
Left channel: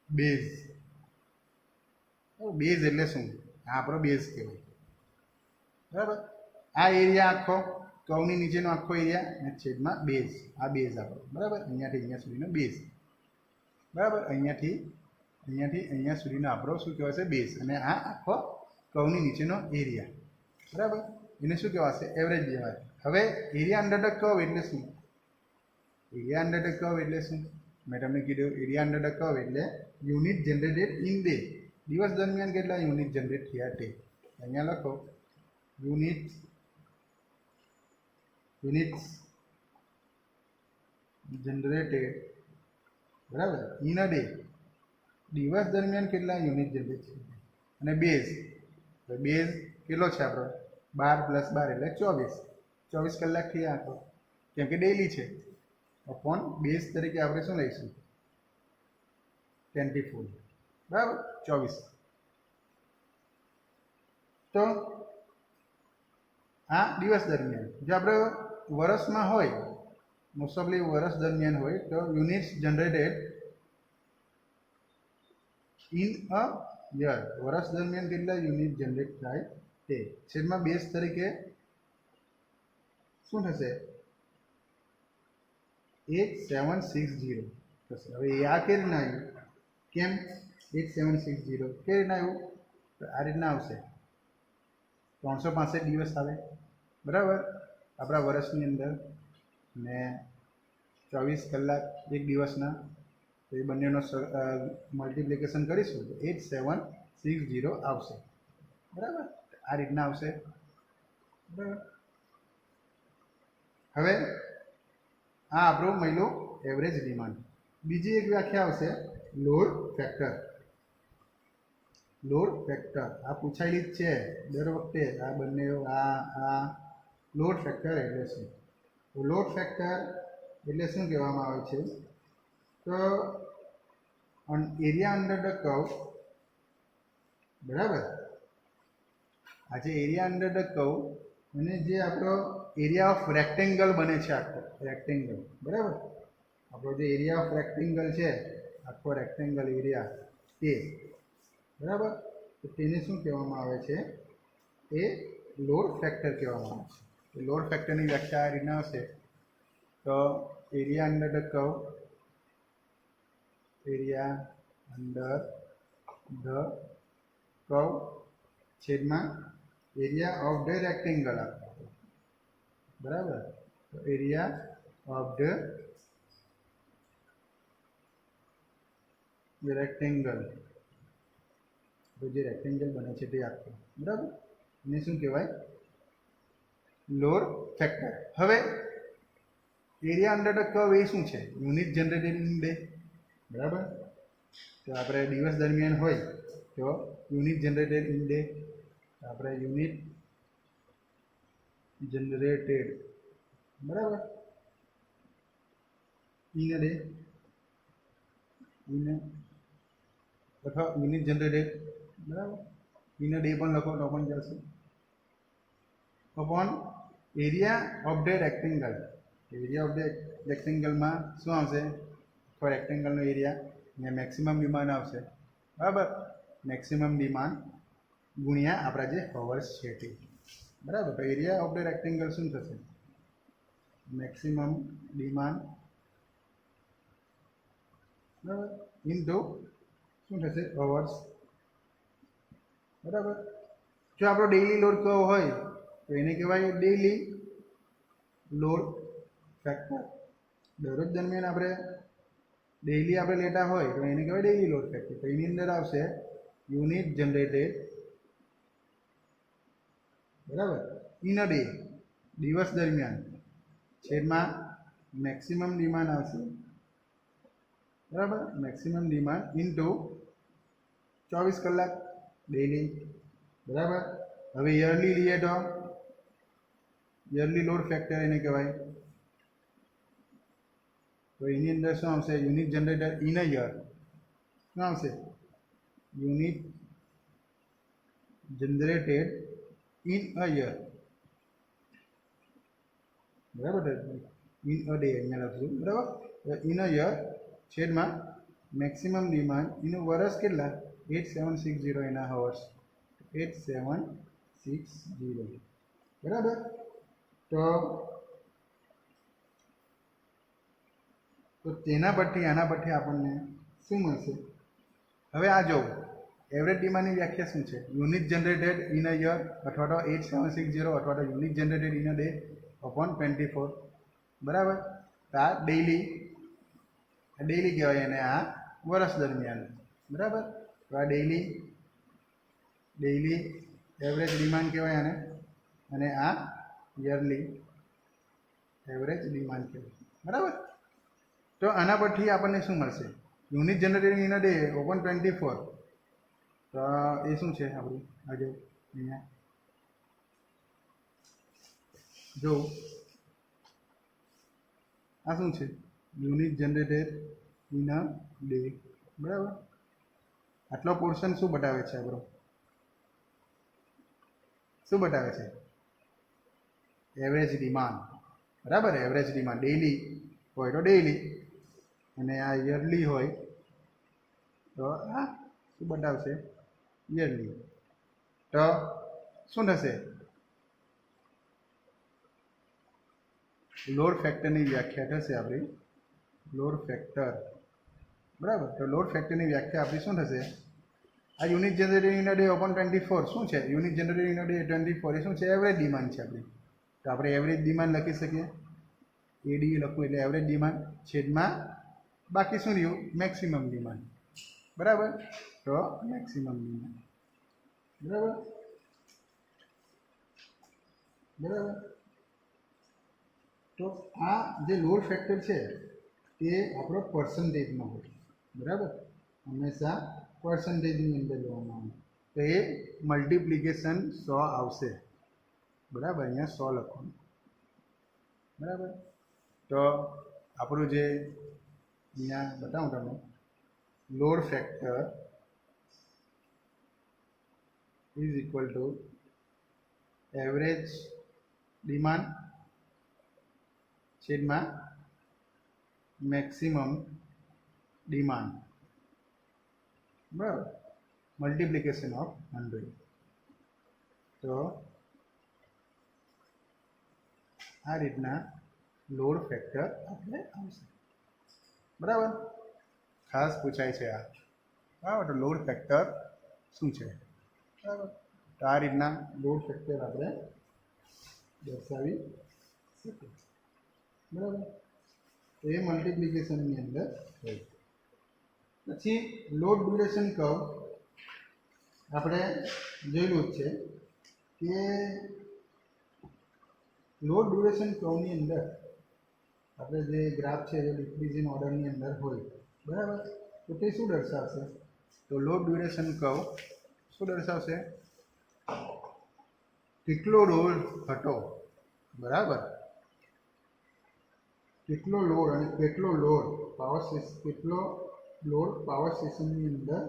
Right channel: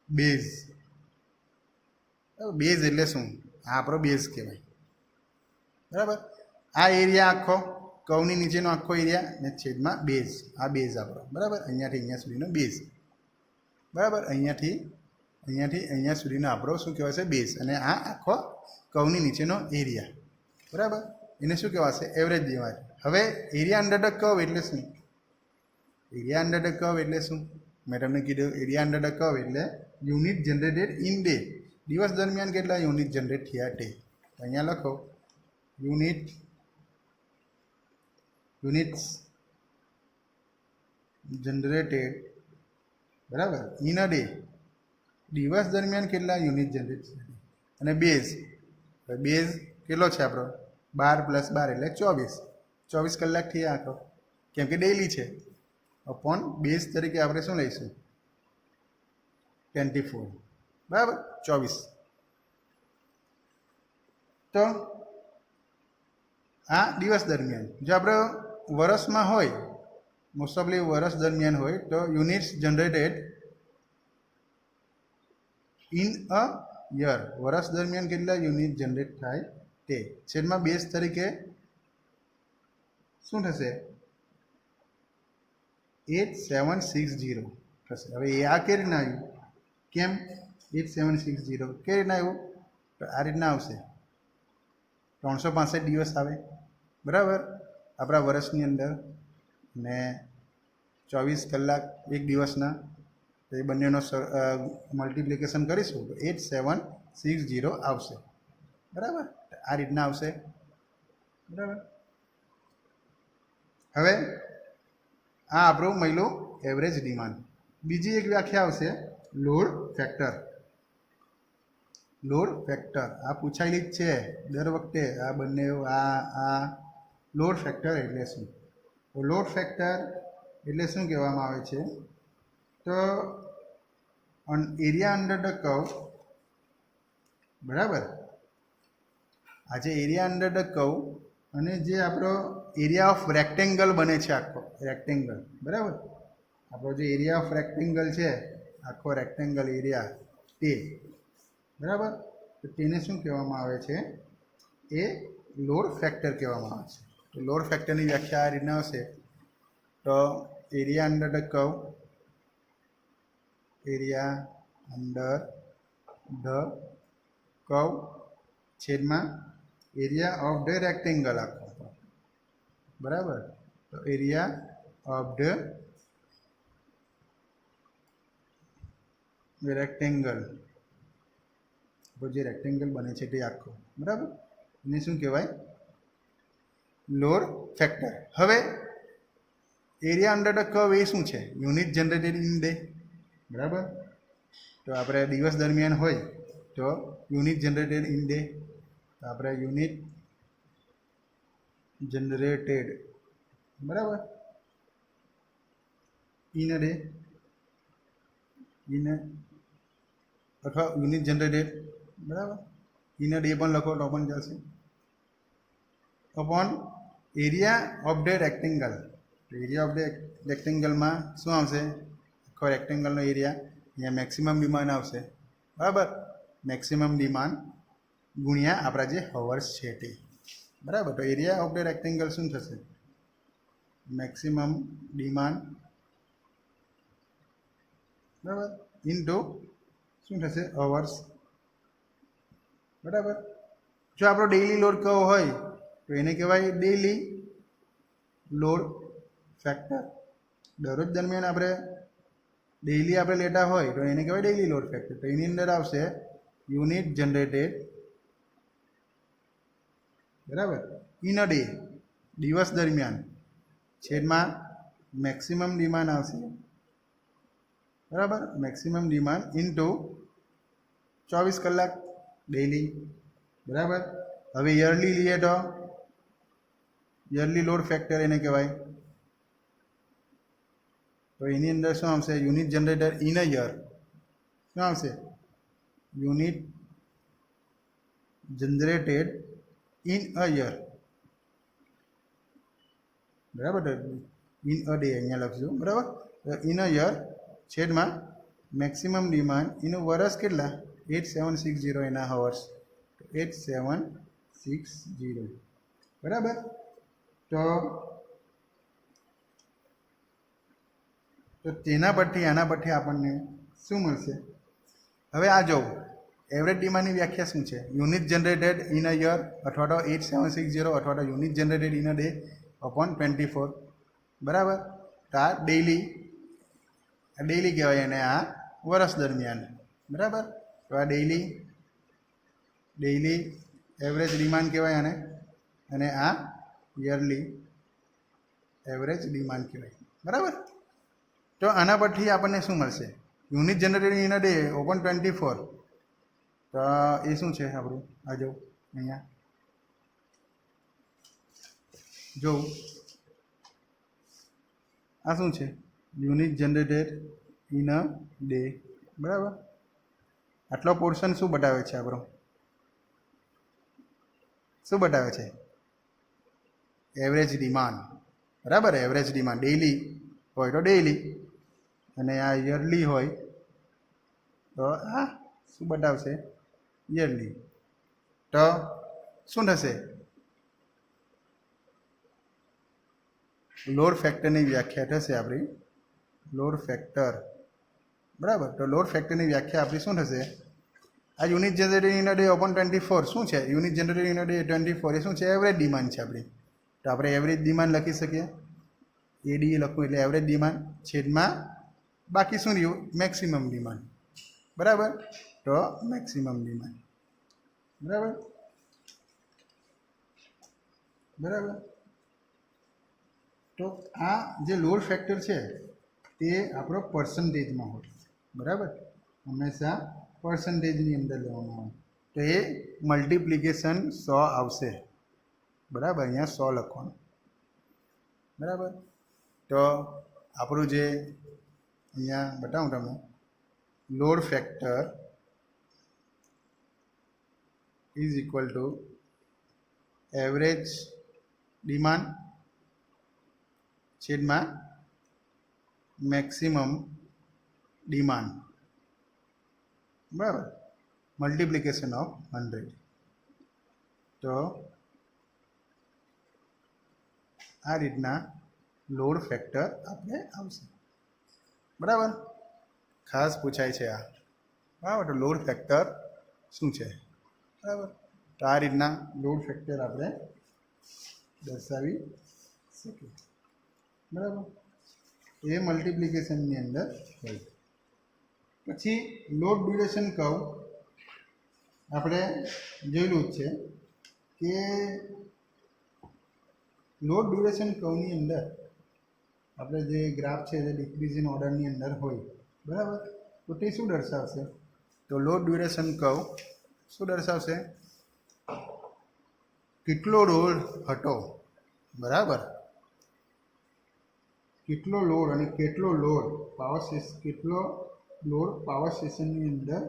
બેઝ. બેઝ એટલે શું? આ આપણો બેઝ કહેવાય. બરાબર. આ એરિયા આખો કર્વની નીચેનો આખો એરિયા ને છેદમાં બેઝ. આ બેઝ આપણો. બરાબર. અહીંયાથી અહીંયા સુધીનો બેઝ. બરાબર. અહીંયાથી અહીંયા સુધીનો આપણો શું કહેવાશે? બેઝ. અને આ આખો કર્વની નીચેનો એરિયા. બરાબર. એને શું કહેવાશે? Average demand. હવે એરિયા અંડર ધ કર્વ એટલે શું? એરિયા અંડર ધ કર્વ એટલે શું? મેં તમને કીધું એરિયા અંડર ધ કર્વ એટલે યુનિટ જનરેટેડ ઇન ડે. દિવસ દરમિયાન કેટલા યુનિટ જનરેટ થયા તે. અહીંયા લખો યુનિટ્સ જનરેટેડ. બરાબર. In a day. દિવસ દરમિયાન કેટલા યુનિટ જનરેટ થયા. અને બેઝ. બેઝ કેટલો છે આપણો? 12 + 12 એટલે 24. 24 કલાક થયા આખો, કેમ કે ડેઈલી છે. અપોન બેઝ તરીકે આપણે શું લઈશું? 24. બરાબર. 24. તો આ દિવસ દરમિયાન. જો આપણે વર્ષમાં હોય, મોસ્ટ ઓફલી વર્ષ દરમિયાન હોય, તો units generated in a year. વર્ષ દરમિયાન કેટલા યુનિટ જનરેટ થાય તે છેદમાં બેઝ તરીકે શું થશે? 8760 થશે. હવે આ કઈ રીતના આવ્યું? કેમ 8760 કઈ રીતના આવ્યું? તો આ રીતના આવશે. 365 દિવસ આવે. બરાબર. આપણા વર્ષની અંદર. ને 24 કલાક એક દિવસના. તો એ બંનેનો મલ્ટિપ્લિકેશન કરીશું તો 8760 આવશે. બરાબર. આ રીતના આવશે. બરાબર. હવે આ આપણું મળ્યું એવરેજ ડિમાન્ડ. બીજી એક વ્યાખ્યા આવશે લોડ ફેક્ટર. લોડ ફેક્ટર આ પૂછાયેલી જ છે દર વખતે. આ બંને આ લોડ ફેક્ટર એટલે શું? તો લોડ ફેક્ટર એટલે શું કહેવામાં આવે છે? તો એરિયા અંડર ધ કર્વ. બરાબર. આ જે એરિયા અંડર ધ કર્વ અને જે આપણો એરિયા ઓફ રેક્ટેંગલ બને છે આખો રેક્ટેંગલ. બરાબર. આપણો જે એરિયા ઓફ રેક્ટેંગલ છે આખો રેક્ટેંગલ એરિયા તે. બરાબર. તો તેને શું કહેવામાં આવે છે? એ લોડ ફેક્ટર કહેવામાં આવે છે. તો લોડ ફેક્ટરની વ્યાખ્યા આ રીતના હશે. તો area under the curve. Area under the curve છેદમાં એરિયા ઓફ ધ રેક્ટેંગલ આખો. બરાબર. તો એરિયા ઓફ ધ રેક્ટેંગલ. જે રેક્ટેંગલ બને છે તે આખો. બરાબર. એને શું કહેવાય? Load factor. હવે એરિયા અંડર ધ કર્વ એ શું છે? Unit generated in day. બરાબર. તો આપણે દિવસ દરમિયાન હોય તો યુનિટ જનરેટેડ ઇન ડે. તો આપણે યુનિટ જનરેટેડ. બરાબર. In a day. ઇન અથવા યુનિટ જનરેટેડ. બરાબર. ઇન અ ડે પણ લખો તો પણ ચાલશે. Upon area of the rectangle. Area of the રેક્ટેંગલમાં શું આવશે? આખો રેક્ટેંગલનો એરિયા. અહીંયા મેક્સિમમ ડિમાન્ડ આવશે. બરાબર. મેક્સિમમ ડિમાન્ડ ગુણ્યા આપણા જે હવર્સ છે તે. બરાબર. તો એરિયા ઓફ ધ રેક્ટેંગલ શું થશે? Maximum demand. બરાબર. ઇન્ટુ શું થશે? અવર્સ. બરાબર. જો આપણો ડેઈલી લોડ કયો હોય તો એને કહેવાય ડેઈલી લોડ ફેક્ટર. દરરોજ દરમિયાન આપણે ડેઇલી આપણે લેતા હોય તો એને કહેવાય ડેઇલી લોડ ફેક્ટર. તો એની અંદર આવશે યુનિટ જનરેટેડ, બરાબર, ઇન અ ડે, દિવસ દરમિયાન, છેદમાં મેક્સિમમ ડિમાન્ડ આવશે, બરાબર, મેક્સિમમ ડિમાન્ડ ઇન્ટુ 24 કલાક ડેઇલી, બરાબર. હવે યરલી લઈએ તો યરલી લોડ ફેક્ટર એને કહેવાય. તો એની અંદર શું આવશે? Unit generator in a year. શું આવશે? Unit generated in a year, બરાબર. ઇન અ ડે અહીંયા લખશું, બરાબર. ઇન અ યર છેદમાં મેક્સિમમ ડિમાન્ડ ઇન વર્ષ કેટલા? 8760 એના હવર્સ, 8760, બરાબર. તો તેના પરથી આના પરથી આપણને શું મળશે? હવે આ જો એવરેજ ડિમાન્ડની વ્યાખ્યા શું છે? Unit generated in a year અથવા તો 8760 અથવા તો unit generated in a day upon 24, બરાબર. તો આ ડેઇલી કહેવાય અને આ વર્ષ દરમિયાન, બરાબર. તો આ ડેઇલી એવરેજ ડિમાન્ડ કહેવાય અને આ યરલી એવરેજ ડિમાન્ડ કહેવાય, બરાબર. તો આના પરથી આપણને શું મળશે? Unit generated in a day open 24. તો એ શું છે આપણું? આ જો અહીંયા જો આ શું છે? Unit generated in a day, બરાબર. આટલો પોર્શન શું બતાવે છે આપણો? શું બતાવે છે? એવરેજ ડિમાન્ડ, બરાબર. એવરેજ ડિમાન્ડ ડેઇલી હોય તો ડેઇલી, અને આ યરલી હોય તો આ શું બતાવશે? યરલી. તો શું થશે? લોડ ફેક્ટરની વ્યાખ્યા થશે આપણી લોડ ફેક્ટર, બરાબર. તો લોડ ફેક્ટરની વ્યાખ્યા આપણી શું થશે? આ unit generated in a day open 24 શું છે? Unit generated in a day 24 એ શું છે? એવરેજ ડિમાન્ડ છે આપણી. તો આપણે એવરેજ ડિમાન્ડ લખી શકીએ, એડી લખવું એટલે એવરેજ ડિમાન્ડ છેદમાં બાકી શું રહ્યું? મેક્સિમમ ડિમાન્ડ, બરાબર. તો મેક્સિમમ ડિમાન્ડ, બરાબર. તો આ જે લોડ ફેક્ટર છે તે આપણો પર્સન્ટેજમાં હોય, બરાબર. હંમેશા પર્સન્ટેજની અંદર લેવામાં આવે. તો એ મલ્ટિપ્લિકેશન 100 આવશે, બરાબર. અહીંયા 100 લખવાનું, બરાબર. તો આપણું જે અહીંયા બતાવું તમને, load factor is equal to average demand છેદમાં મેક્સિમમ ડિમાન્ડ, બરાબર, મલ્ટિપ્લિકેશન ઓફ 100. તો આ રીતના લોડ ફેક્ટર આપણે આવશે, બરાબર. ખાસ પૂછાય છે આ, બરાબર. તો લોડ ફેક્ટર શું છે? બરાબર. તો આ રીતના લોડ ફેક્ટર આપણે દર્શાવી શકીએ, બરાબર. એ મલ્ટિપ્લિકેશનની અંદર હોય. પછી લોડ ડ્યુરેશન કર્વ આપણે જોયેલું જ છે કે લોડ ડ્યુરેશન કર્વની અંદર આપણે જે ગ્રાફ છે જે ડિક્રીઝિંગ ઓર્ડરની અંદર હોય, બરાબર. તો તે શું દર્શાવશે? તો લોડ ડ્યુરેશન કર્વ શું દર્શાવશે? કેટલો લોડ હતો, બરાબર, કેટલો લોડ અને કેટલો લોડ પાવર સ્ટેશનની અંદર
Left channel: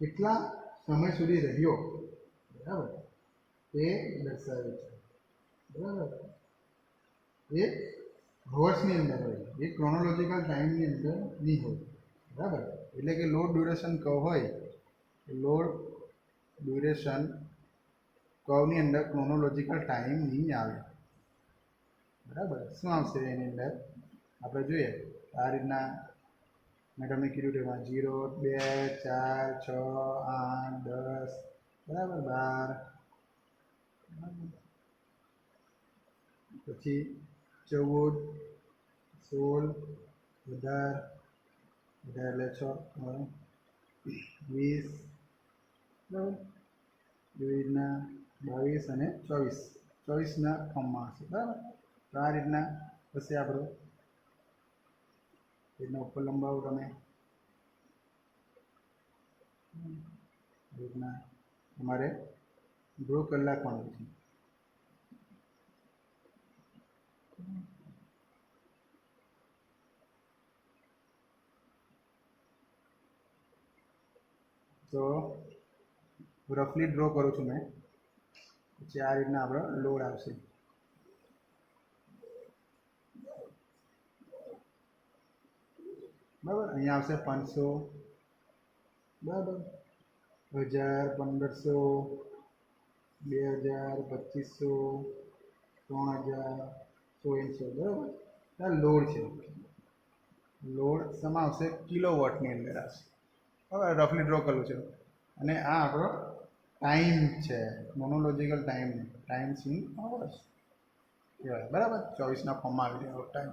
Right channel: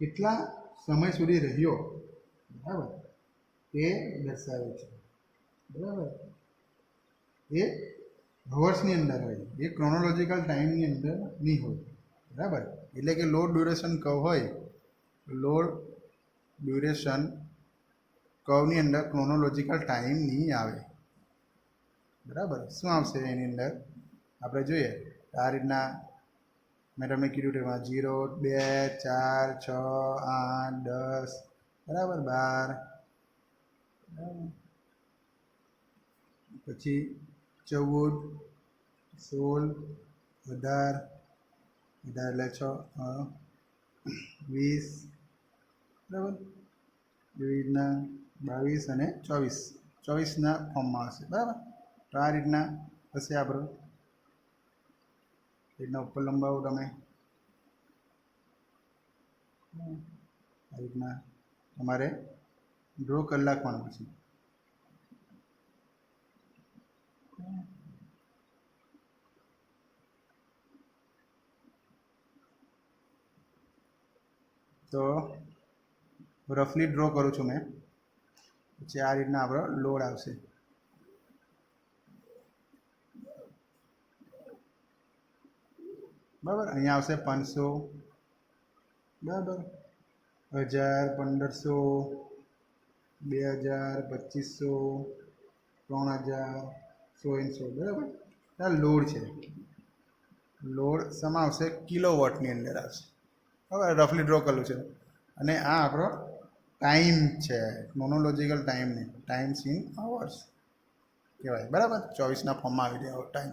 કેટલા સમય સુધી રહ્યો, બરાબર, તે દર્શાવે છે, બરાબર. એ હવર્સની અંદર હોય, એ ક્રોનોલોજીકલ ટાઈમની અંદર નહીં હોય, બરાબર. એટલે કે લોડ ડ્યુરેશન કર્વ હોય, લોડ ડ્યુરેશન કર્વની અંદર ક્રોનોલોજીકલ ટાઈમ નહીં આવે, બરાબર. શું આવશે એની અંદર? આપણે જોઈએ આ રીતના મેં તમને કીધું તેમાં 0, 2, 4, 6, 8, 10, બરાબર, 12, પછી 14, 16, 18, 18 એટલે 20, બરાબર. એવી રીતના 22 અને 24ના ફોર્મમાં હશે, બરાબર. તો આ રીતના હશે આપણું. રીતના ઉપર લંબાવો તમે, આ રીતના તમારે ડ્રો કરી નાખવાનું પછી. તો રફલી ડ્રો કરું છું મેં. પછી આ રીતના આપણો લોડ આવશે. બરાબર. અહીંયા આવશે 500, બરાબર, 1000, 1500, 2000, 2500, 3000, 100, બરાબર. આ લોડ છે. લોડ શેમાં આવશે? કિલોવોટની અંદર આવશે. હવે રફલી ડ્રો કરેલું છે. અને આ આપણો ટાઈમ છે, મોનોલોજિકલ ટાઈમ નહીં, ટાઈમ્સ ઇન અવર્સ કહેવાય, બરાબર. 24ના ફોર્મમાં આવી જાય ટાઈમ.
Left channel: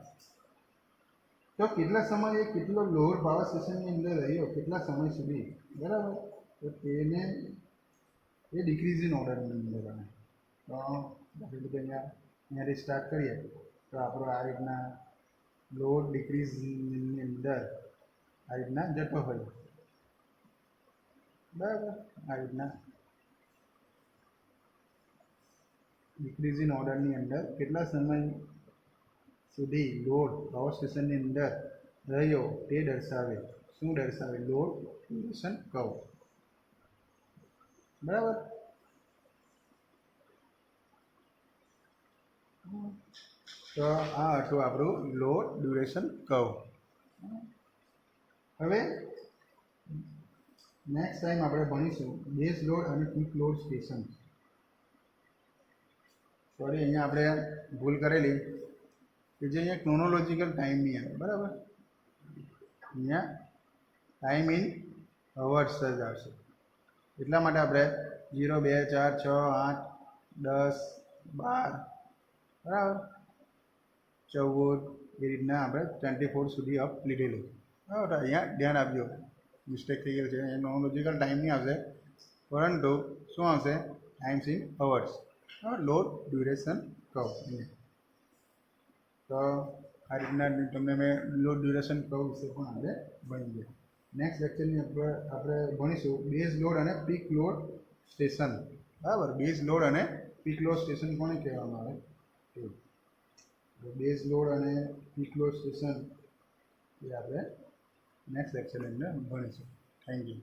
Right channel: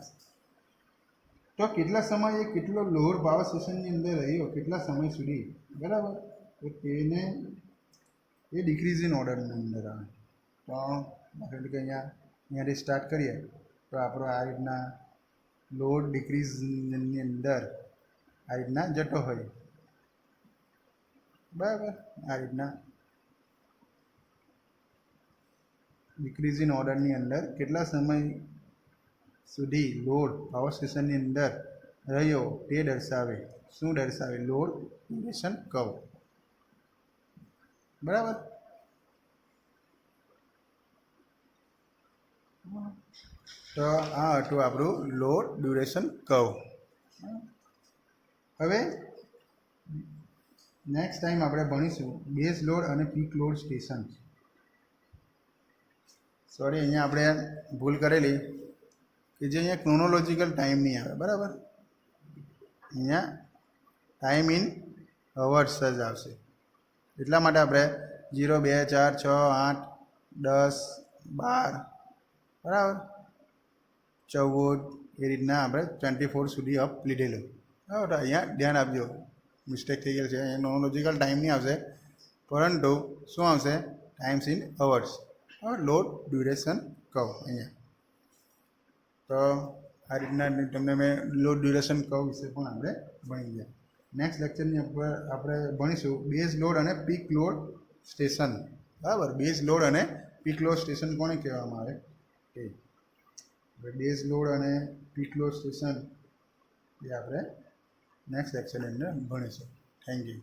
તો કેટલા સમયે કેટલો લોડ પાવર સ્ટેશનની અંદર રહ્યો, કેટલા સમય સુધી, બરાબર. તો તેને એ ડિક્રીઝ ઇન ઓર્ડરની અંદર આવે. તો એટલે કે અહીંયાથી સ્ટાર્ટ કરીએ તો આપણો આ રીતના લોડ ડિક્રીઝની અંદર આ રીતના જતો હોય, બરાબર. આ રીતના ડિક્રીઝ ઇન ઓર્ડરની અંદર કેટલા સમય સુધી લોડ પાવર સ્ટેશનની અંદર રહ્યો તે દર્શાવે. શું દર્શાવે? લોડ ડ્યુરેશન કર્વ, બરાબર. તો આ હતું આપણું લોડ ડ્યુરેશન કર્વ. હવે નેક્સ્ટ ટાઈમ આપણે ભણીશું બેઝ લોડ અને પીક લોડ સ્ટેશન. સોરી, અહીંયા આપણે ભૂલ કરેલી કે જે અહીંયા ક્રોનોલોજિકલ ટાઈમ નહીં આવે, બરાબર. અહીંયા ટાઈમ ઇન અવર્સ જ આવશે. એટલા માટે આપણે 0, 2, 4, 6, 8, 10, 12, બરાબર, 14 એ રીતના આપણે 24 સુધી અપ લીધેલું. બરાબર. તો અહીંયા ધ્યાન આપજો, મિસ્ટેક થઈ ગયેલ છે. અહીંયા ક્રોનોલોજિકલ ટાઈમ નહીં આવશે, પરંતુ શું આવશે? Times in hours, load duration curve અહીંયા. તો આ રીતના તમને મેં લોડ ડ્યુરેશન કર્વ વિશે પણ આપણે ભણી ગયા. નેક્સ્ટ લેક્ચરની ઉપર આપણે ભણીશું બેઝ લોડ અને પીક લોડ સ્ટેશન, બરાબર. બેઝ લોડ અને પીક લોડ સ્ટેશન કોને કહેવામાં આવે તે. બેઝ લોડ અને પીક લોડ સ્ટેશન એ આપણે નેક્સ્ટ લેક્ચરની અંદર ભણીશું. Thank you.